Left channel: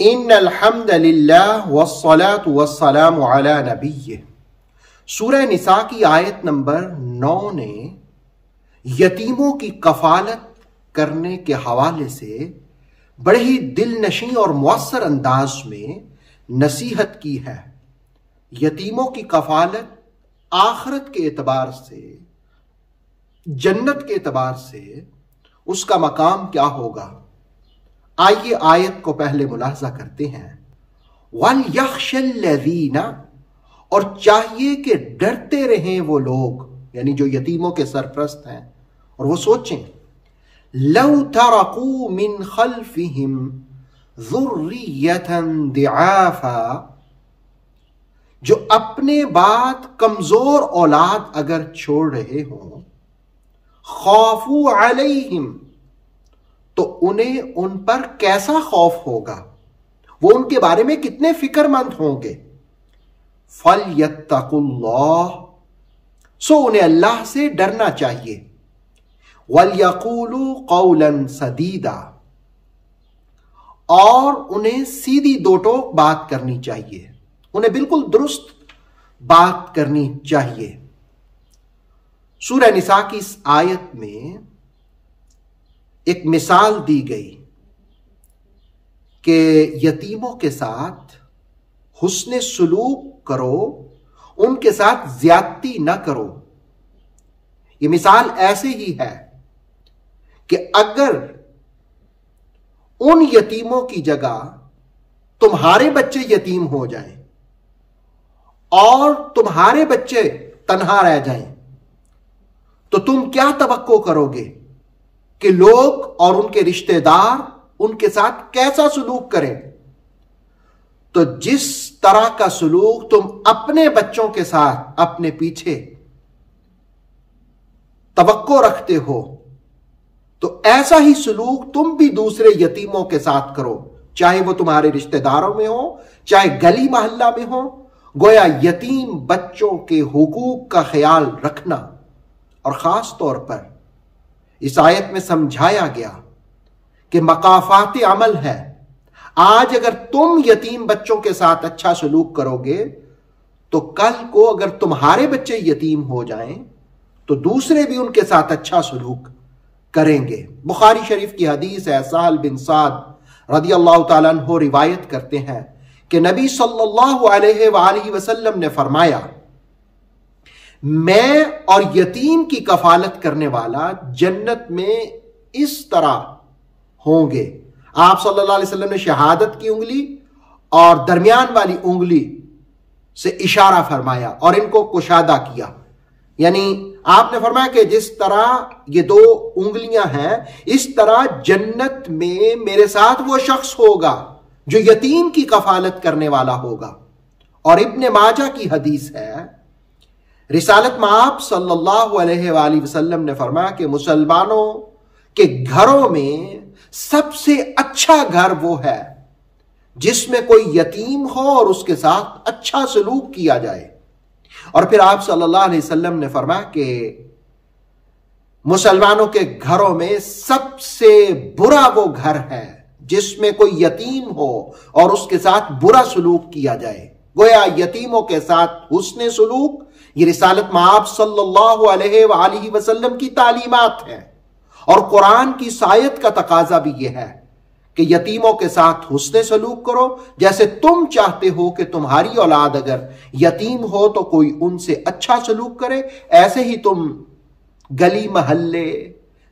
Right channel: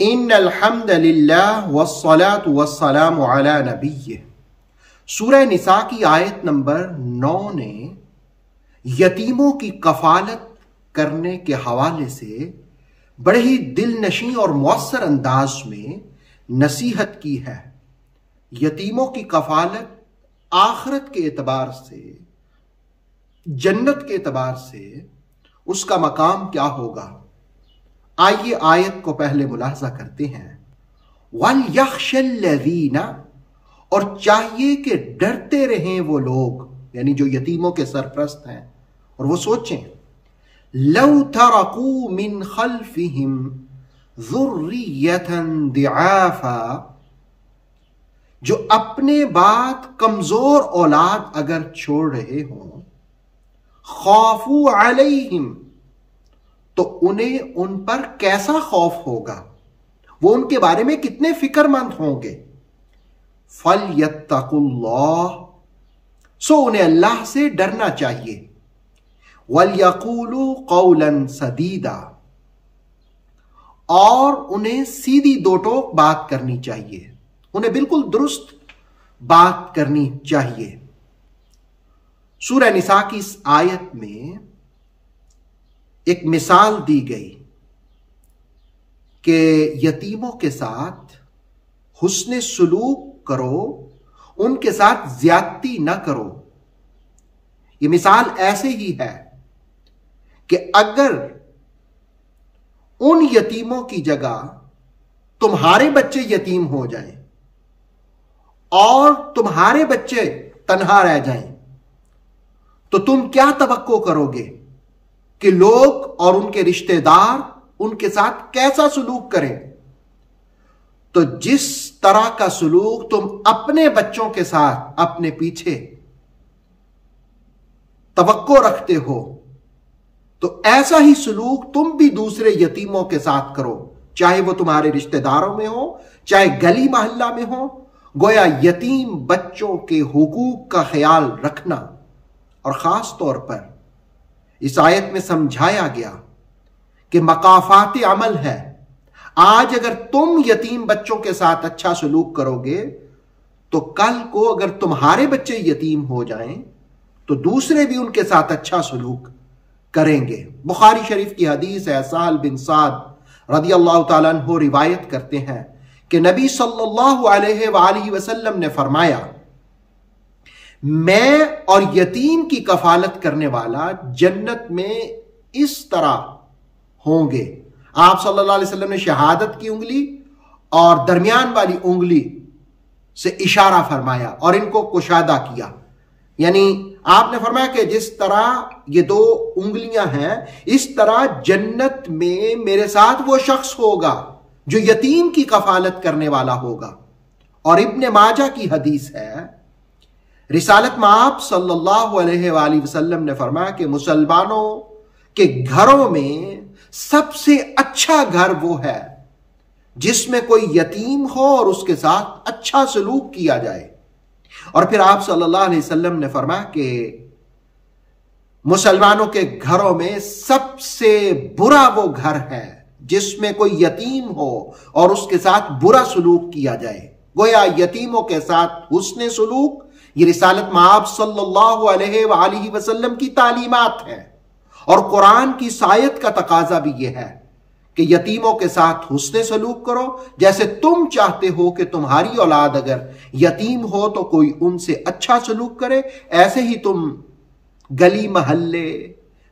ان الحمد للہ والصلاة والسلام علی نبیہ۔ سورہ نساء کی آیت نمبر 9 نے یتیموں کی کفالت کرنے کے حوالے سے بڑے ہی دل نشیں اور مؤثر انداز میں نصیحت کی ہے۔ یتیموں کی کفالت آخرت کے اعتبار سے، جنت کے اعتبار سے اس کا مقام کیا ہوگا؟ آئیے آیت کو پہلے ملاحظہ کرتے ہیں۔ وَلْيَخْشَ الَّذِينَ، اور چاہیے کہ ڈرتے رہیں وہ لوگ، یعنی جو یتیموں کے سرپرست ہیں، اور وہ سوچیں لَوْ تَرَكُوا مِنْ خَلْفِهِمْ ذُرِّيَّةً ضِعَافًا، جو اپنے بعد کمزور اولاد اگر چھوڑ رہے ہوں، خَافُوا عَلَيْهِمْ، تو انہیں ان پر کیسا خوف ہوگا، وہ ان کے بارے میں کتنے فکر مند ہوں گے۔ فَلْيَتَّقُوا اللَّهَ، سو انہیں اللہ سے ڈرنا چاہیے۔ وَلْيَقُولُوا قَوْلًا سَدِيدًا، اور انہیں سیدھی دو ٹوک بات کرنی چاہیے، انہیں بالکل درست بات کرنی چاہیے۔ سورہ نساء کی اس آیت میں ایک مثال دی گئی کہ یتیموں کے ساتھ حسن سلوک کرو، ان کے ساتھ زیادتی نہ کرو۔ یہ مثال ایسے ہی ہے کہ اگر ان یتیموں کی جگہ تمہارے بچے یتیم ہو جائیں اور تمہارے بچے تنہا رہ جائیں تو تم کیا توقع کرو گے کہ لوگ اور ان کے رشتہ دار ان کے ساتھ کیسا سلوک کریں؟ تو جس طرح کا سلوک تم اپنے بچوں کے ساتھ اپنے پیچھے توقع رکھتے ہو، تو ایسا ہی سلوک تم بھی دوسرے یتیموں کے ساتھ کرو، چاہے وہ تمہارے رشتہ داروں میں ہو، چاہے گلی محلہ میں ہو۔ گویا یتیم بچوں کے حقوق کا خیال رکھنا، اور خاص طور پر اس آیت میں سمجھایا گیا کہ مقافات عمل ہے۔ آج اگر تم یتیم بچوں کے ساتھ اچھا سلوک کرو گے تو کل کو اگر تمہارے بچے یتیم ہو جائیں تو دوسرے بھی ان کے ساتھ اچھا سلوک کریں گے۔ بخاری شریف کی حدیث ہے، سہل بن سعد رضی اللہ تعالیٰ عنہ روایت کرتے ہیں کہ نبی صلی اللہ علیہ وآلہ وسلم نے فرمایا، میں اور یتیم کی کفالت کرنے والا جنت میں اس طرح ہوں گے۔ آپ صلی اللہ علیہ وسلم نے شہادت کی انگلی اور درمیان والی انگلی سے اشارہ فرمایا اور ان کو کشادہ کیا، یعنی آپ نے فرمایا کہ جس طرح یہ دو انگلیاں ہیں، اس طرح جنت میں میرے ساتھ وہ شخص ہوگا جو یتیم کی کفالت کرنے والا ہوگا۔ اور ابن ماجہ کی حدیث ہے، رسالت میں آپ صلی اللہ علیہ وآلہ وسلم نے فرمایا کہ مسلمانوں کے گھروں میں سب سے اچھا گھر وہ ہے جس میں کوئی یتیم ہو اور اس کے ساتھ اچھا سلوک کیا جائے۔ اور پھر آپ صلی اللہ علیہ وسلم نے فرمایا کہ مسلمانوں کے گھروں میں سب سے برا وہ گھر ہے جس میں کوئی یتیم ہو اور اس کے ساتھ برا سلوک کیا جائے۔ گویا یتیموں کے ساتھ حسن سلوک یہ رسالت مآب صلی اللہ علیہ وآلہ وسلم کی تعلیمات ہیں، اور قرآن کی آیت کا تقاضا بھی یہ ہے کہ یتیموں کے ساتھ حسن سلوک کرو، جیسے تم چاہتے ہو کہ تمہاری اولاد اگر یتیم ہو تو کوئی ان سے اچھا سلوک کرے، ایسے ہی تم گلی محلے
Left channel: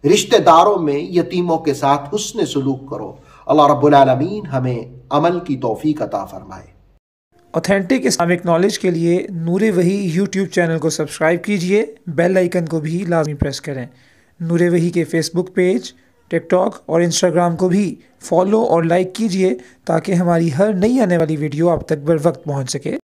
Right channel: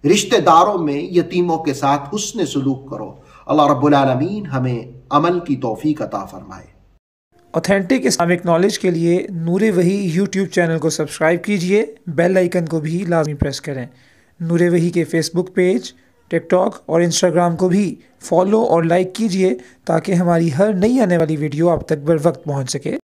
رشتہ داروں میں یتیموں کے ساتھ حسن سلوک کرو۔ اللہ رب العالمین ہمیں عمل کی توفیق عطا فرمائے۔ اوتھینٹک اسلامک نالج کے لیے نور وحی یوٹیوب چینل کو سبسکرائب کیجئے، بیل آئیکن کو بھی لازمی پریس کریں۔ نور وحی کے فیس بک پیج، ٹک ٹاک اور انسٹاگرام کو بھی فالو اور لائک کیجئے تاکہ ہماری ہر نئی آنے والی ویڈیو آپ تک بر وقت پہنچ سکے۔